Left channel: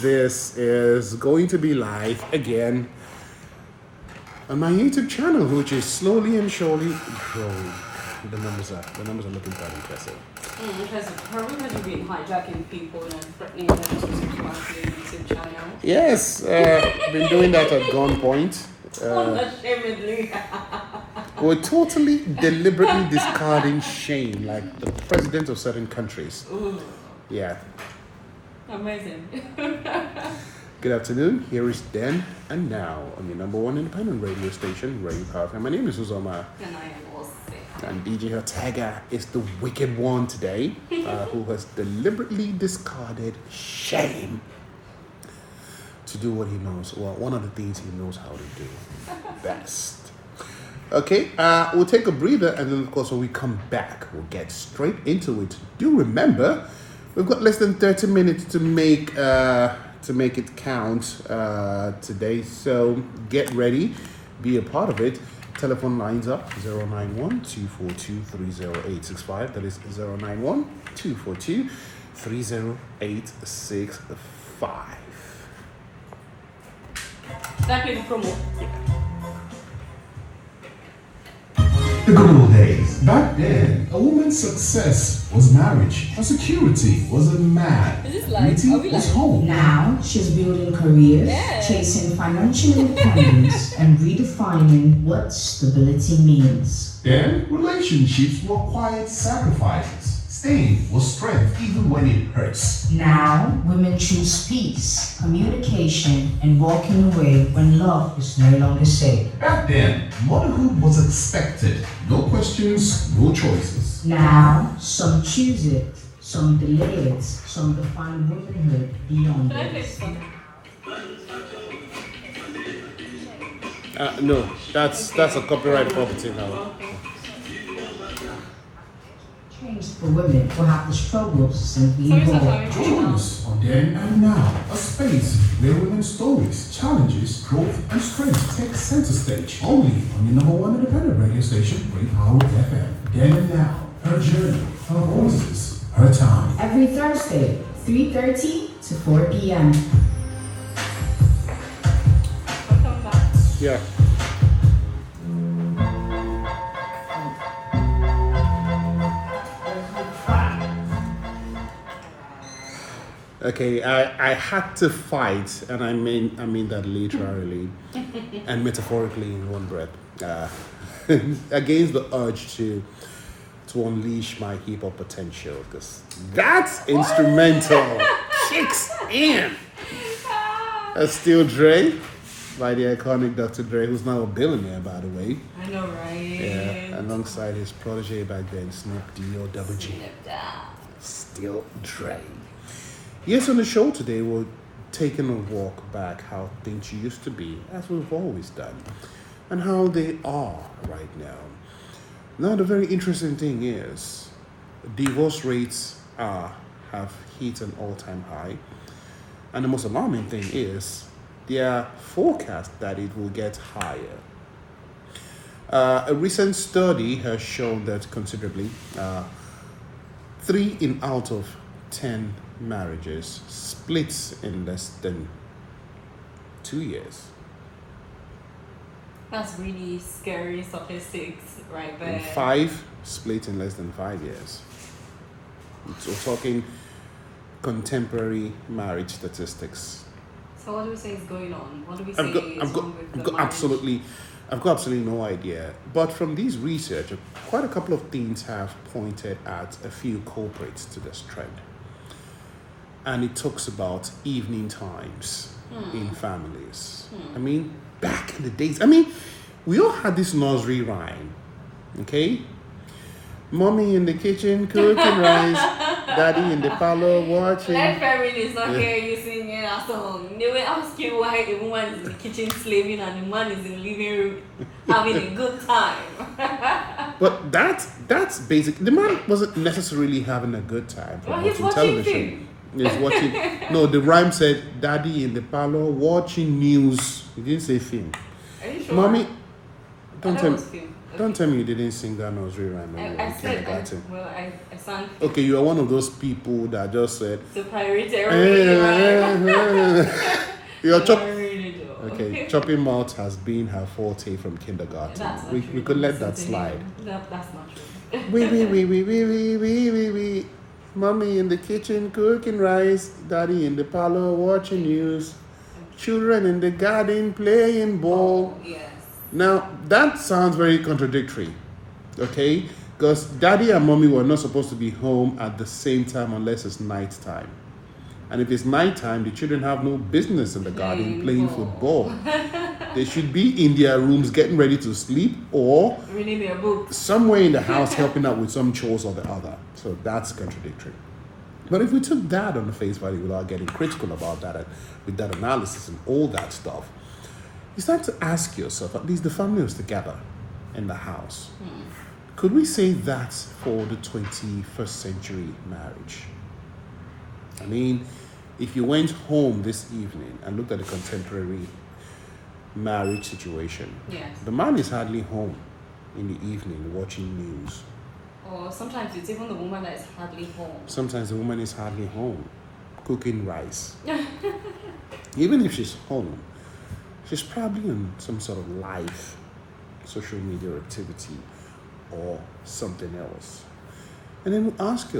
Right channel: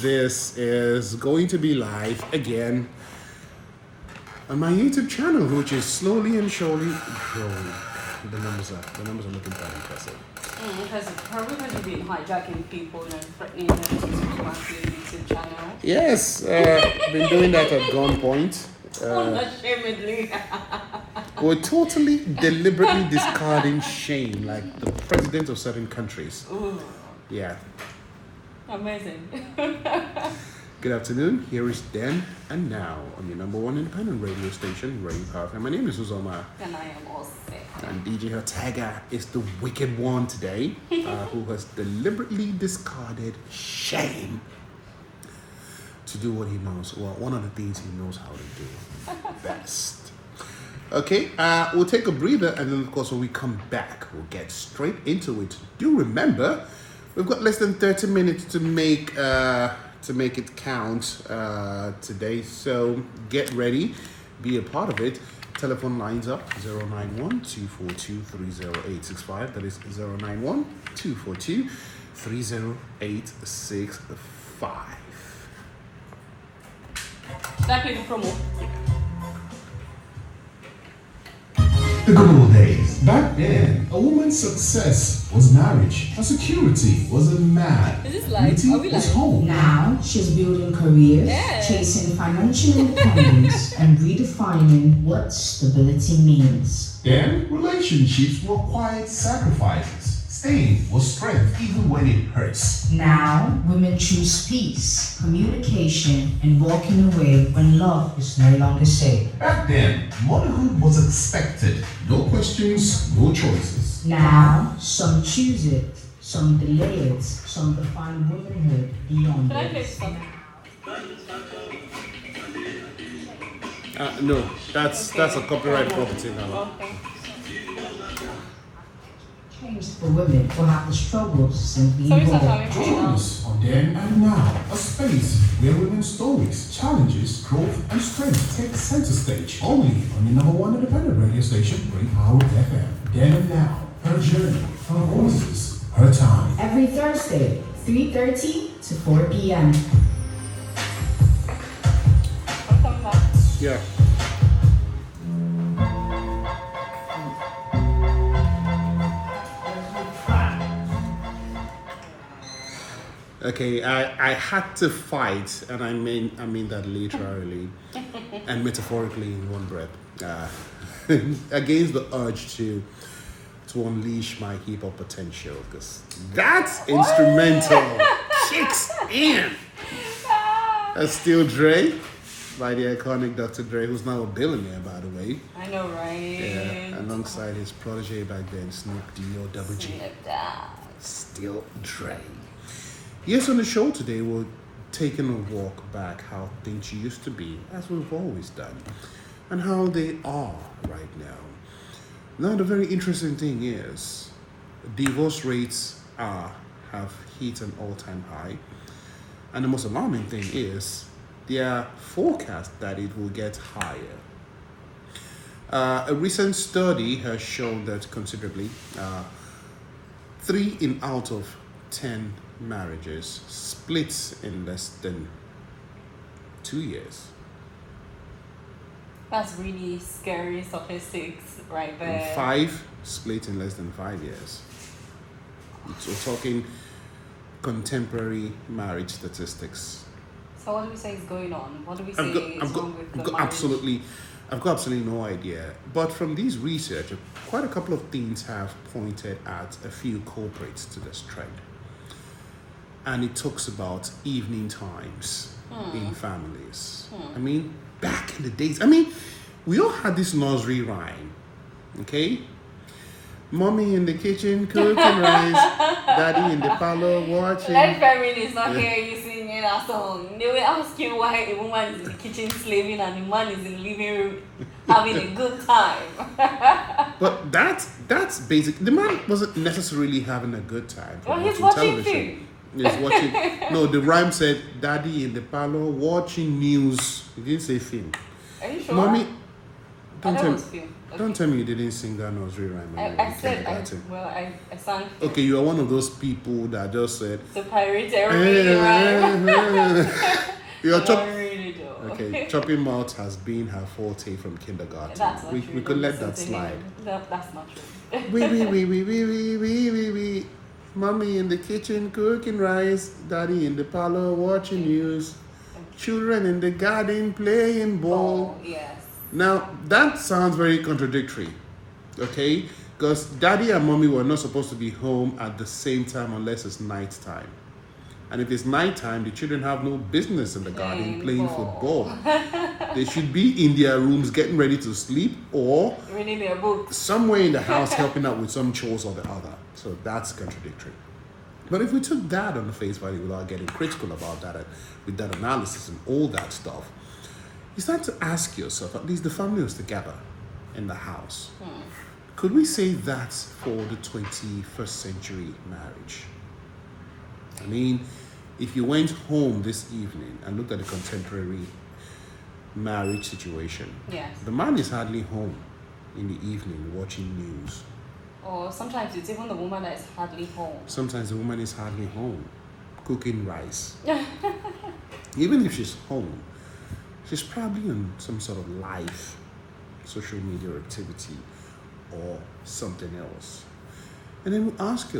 this is going to be live again on my YouTube channel, which is slowly and surely growing. The numbers are looking quite impressive. Because probably because you've been hijacking people and threatening them to subscribe to your YouTube channel. Yes, been doing that at gunpoint. Unashamedly. We're totally deliberately discarding shame, like the president of certain countries. Ooh, Yeah. amazing. Good afternoon. Here is Then and Now on your number one independent radio station, Radio Power. My name is Uzoma, And I am also. and DJ Ortega is the wicked one today, who has deliberately discarded shame to do what he knows. Well, one of the things he knows how to do best. Okay, we'll take a breather, and then of course when we come back, we'll get straight into it. Do remember, we've got less than 30 minutes to make it count today. So get ready, be a part of it. Telephone lines up 091-242-30865. That is 091-242-30865. Start with the promo. The good old days. Back then, a woman's success was marriage. Her security was a man. Is this live? Beauty Are we was live? home. Now she's building careers, Yeah. chasing financial independence, and redefining what stability means. Then, relationships were quiet sacrifices. Staying was strength even when it hurts. Now women choose peace, communication, and walking away when love is no longer safe. Back then, motherhood was expected. No questions, no choices. Now some choose it, some deliver it, some define womanhood beyond Can I play this. something? No, that's a copyright property now. Changed for women to have the struggles simply Sorry, evolve. sorry. Join us on Then and Now, a space where women's stories, challenges, growth, and strength take center stage. Only on the number one independent radio station, Great Power FM. Then and Now, her journey, her voices, her time. Every Thursday, 3:30 to 4 p.m. Welcome back. Yeah. Okay, I had to fight, and I mean that literally and metaphorically in one breath, against the urge to unleash my hip hop potential, because that instrumental kicks in. That's still Dre by the iconic Dr. Dre, who's now a billionaire, by the way. I know, right? Yeah, alongside his protege back then, Snoop D-O double G. Still Dre. Yes, on the show today, we're taking a walk back how things used to be, as we've always done, and how they are right now. Now, the very interesting thing is, divorce rates have hit an all-time high, and the most alarming thing is, there are forecasts that it will get higher. A recent study has shown that considerably, 3 out of 10 marriages splits in less than 2 years. That's really scary statistics right there. And 5 split in less than 5 years. We're talking contemporary marriage statistics. So what do we say is going on? What do we say I've got, is I've got, wrong with I've the got marriage? I've got absolutely no idea. But from these research, quite a couple of things have pointed at a few culprits to this trend. And it talks about evening times in families. I mean, back in the days, we all had this nursery rhyme, okay? Mommy in the kitchen cooking rice, daddy in the parlor watching. That family is not hearing you singing a song. They will ask you why the woman is in the kitchen slaving and the man is in the living room having a good time. But that's basic. The man wasn't necessarily having a good time Well, from he's watching watching television. film. He's watching. No, the rhyme said, "Daddy in the parlor watching news." He didn't say film. Are you sure? Mommy, Don't that tell, was film. don't tell me you didn't sing that nursery rhyme I anyway in said, kindergarten. I sang Okay, you are one of those people that just said, to pirate everyone. you're I really do. Okay, chopping mouth has been her forte from kindergarten. That's not We true. could let that Listen to slide. him. That's not true. We. Mommy in the kitchen cooking rice, daddy in the parlor watching news, children in the garden playing ball. Oh, yes. Now, that sounds very contradictory, okay? Because daddy and mommy were not supposed to be home at the same time unless it's night time. And if it's night time, the children have no business in the garden playing football. They should be in their rooms getting ready to sleep or Reading their books. somewhere in the house helping out with some chores or the other. So that's contradictory. But if we took that on the face value without getting critical about that, with that analysis and all that stuff, you start to ask yourself, at least the family was together in the house. Could we say that's for the 21st century marriage? I mean, if you went home this evening and looked at the contemporary marriage situation, Yes. the man is hardly home in the evening watching news. Or sometimes it's even the woman that is hardly home. Sometimes the woman is hardly home cooking rice. Even if she's home, she's probably on some sort of live social media activity or something else. And then we ask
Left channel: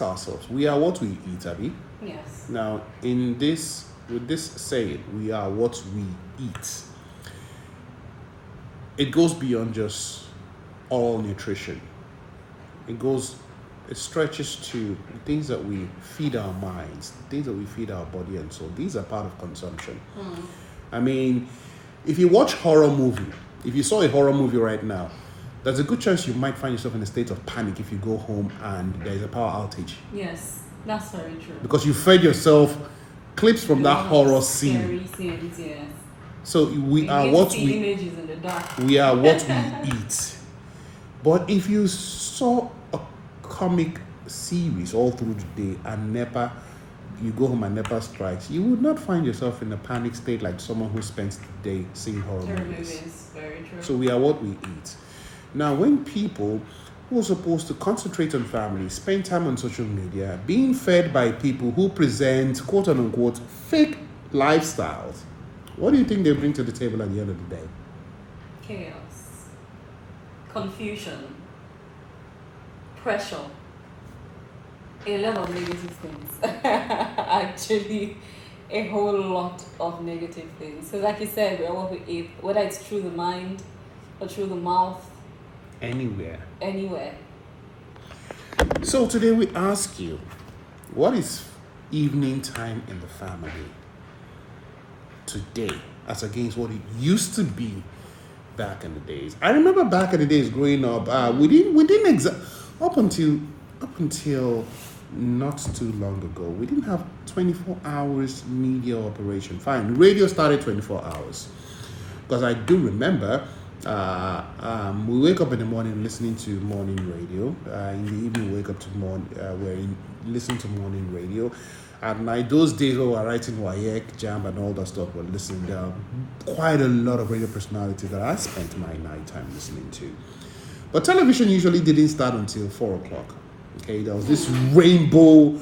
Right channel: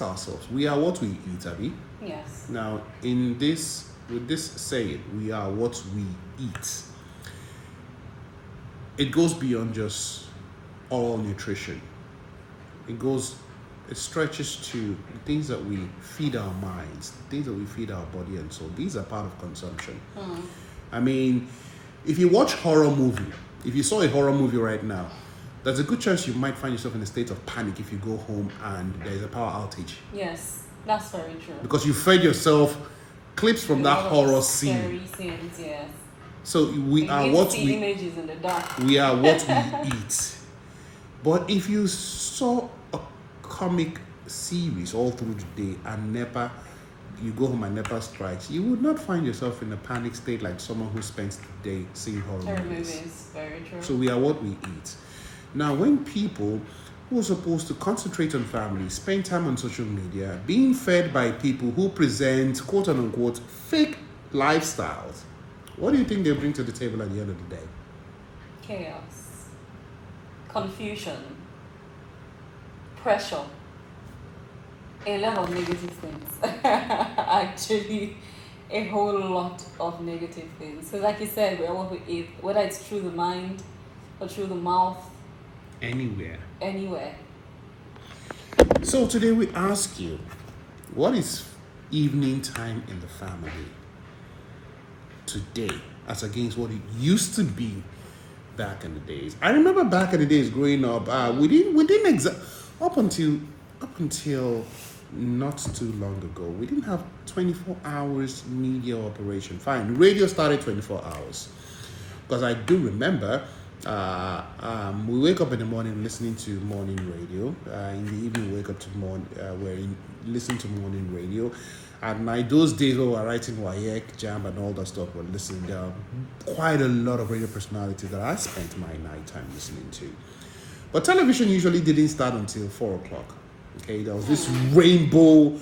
ourselves, we are what we eat, Abby. Yes. Now, with this saying, we are what we eat, it goes beyond just all nutrition. It stretches to the things that we feed our minds, the things that we feed our body, and so these are part of consumption. I mean, if you watch horror movie, if you saw a horror movie right now, there's a good chance you might find yourself in a state of panic if you go home and there's a power outage. Yes, that's very true. Because you fed yourself clips from that horror scene. Scary scenes, yes. So we are You what see we images in the dark. we are what we eat. But if you saw a comic series all through the day and you go home and NEPA strikes, you would not find yourself in a panic state like someone who spends the day seeing horror movies. Is very true. So we are what we eat. Now, when people who are supposed to concentrate on family spend time on social media, being fed by people who present quote unquote fake lifestyles, what do you think they bring to the table at the end of the day? Chaos, confusion, pressure, a lot of negative things. Actually, a whole lot of negative things. So, like you said, we are what we eat, whether it's through the mind or through the mouth, Anywhere. anywhere. So today we ask you, what is evening time in the family today as against what it used to be back in the days? I remember back in the days growing up, we didn't up until not too long ago, we didn't have 24 hours media operation. Fine, radio started 24 hours. Because I do remember we wake up in the morning listening to morning radio. In the evening, we wake up to listening to morning radio. At night, those days when we were writing WAEC, JAM, and all that stuff, we're listening down. Quite a lot of radio personalities that I spent my nighttime listening to. But television usually didn't start until 4 o'clock. Okay, there was this rainbow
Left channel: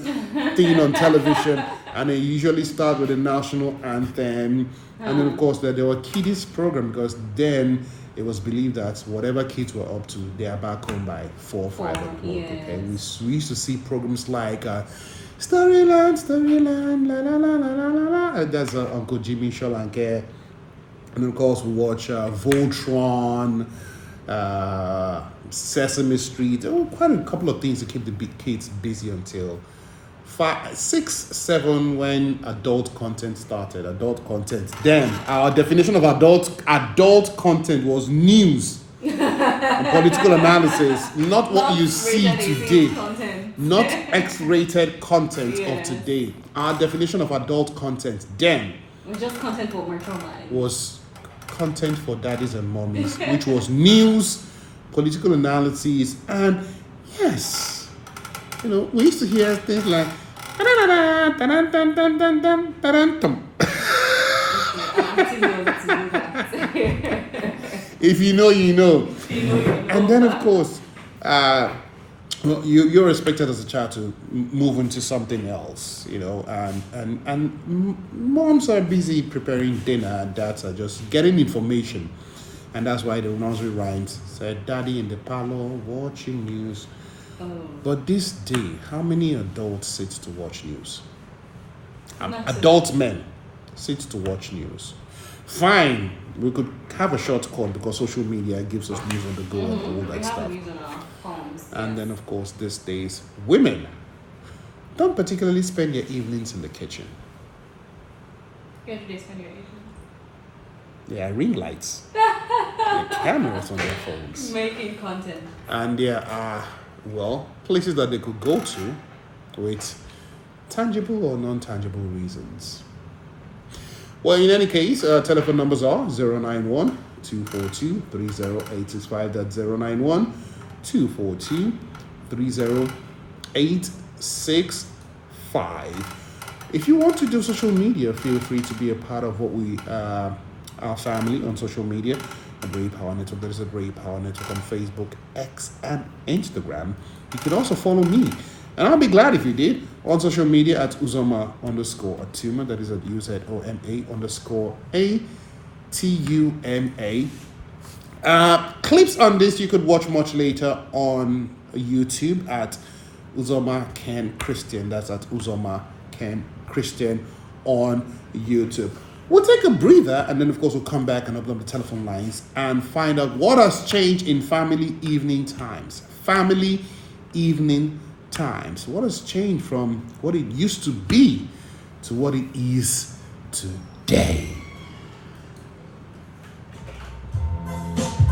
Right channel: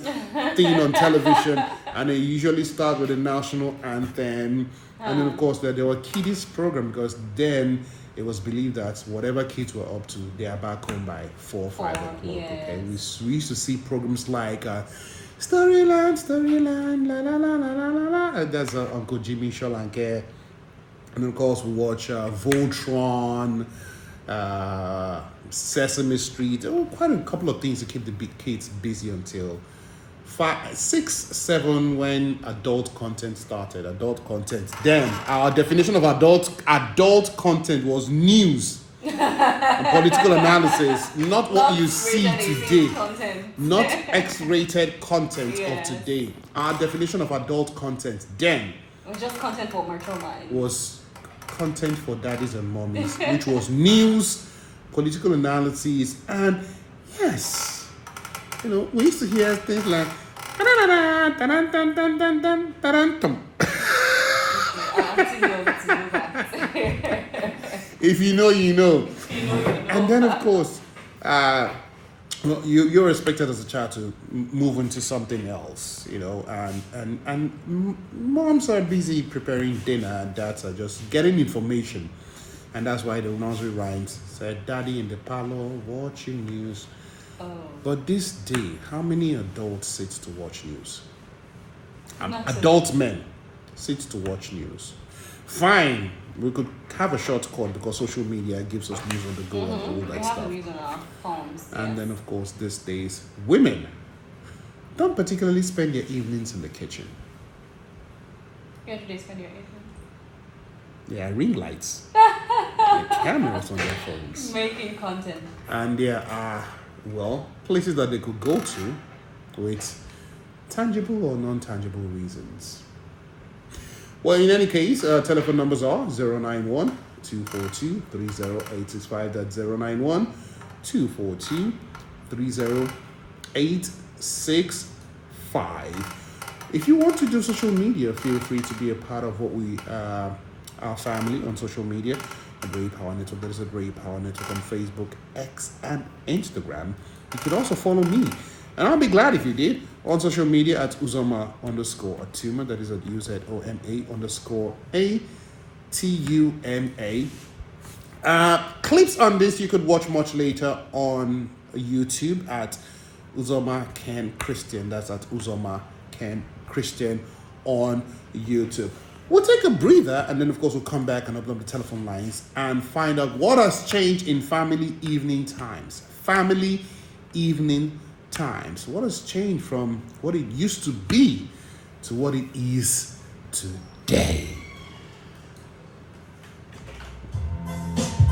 thing on television, and they usually start with the national anthem. And then, of course, there were kiddies program because then it was believed that whatever kids were up to, they are back home by 4 or 5 o'clock. Yes. Okay, we used to see programs like Storyland, la la la la la la. And that's Uncle Jimmy Sholanke. And of course, we watch Voltron, Sesame Street, quite a couple of things to keep the kids busy until 5, 6, 7 when adult content started. Adult content. Then our definition of adult content was news and political analysis, not what you see today, not X-rated content of today. Our definition of adult content then Just content for mature minds. was content for daddies and mommies, which was news, political analysis, and yes, we used to hear things like If you know, you know. And then, of course, you're expected as a child to move into something else, you know, and moms are busy preparing dinner and dads are just getting information. And that's why the nursery rhymes said, Daddy in the parlor, watching news. Oh. But this day, how many adults sit to watch news? Not Adult men sit to watch news. Fine, we could have a short call because social media gives us news on the go and all We that have stuff. the news on our phones. And then, of course, these days, women don't particularly spend their evenings in the kitchen. Where do they spend your evening? There are ring lights, there are cameras on their phones, Making content. and there are, well, places that they could go to with tangible or non-tangible reasons. Well, in any case, telephone numbers are 091 242 30865. That's 091 242 30865. If you want to do social media, feel free to be a part of what we, our family on social media. The Great Power Network. There is a Great Power Network on Facebook, X, and Instagram. You can also follow me. And I'll be glad if you did on social media at Uzoma_Atuma. That is at UZOMA_ATUMA. Clips on this you could watch much later on YouTube at Uzoma Ken Christian. That's at Uzoma Ken Christian on YouTube. We'll take a breather and then, of course, we'll come back and open up the telephone lines and find out what has changed in family evening times. Family evening times. What has changed from what it used to be to what it is today?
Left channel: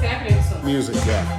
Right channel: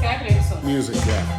Can I play a song? Music, yeah.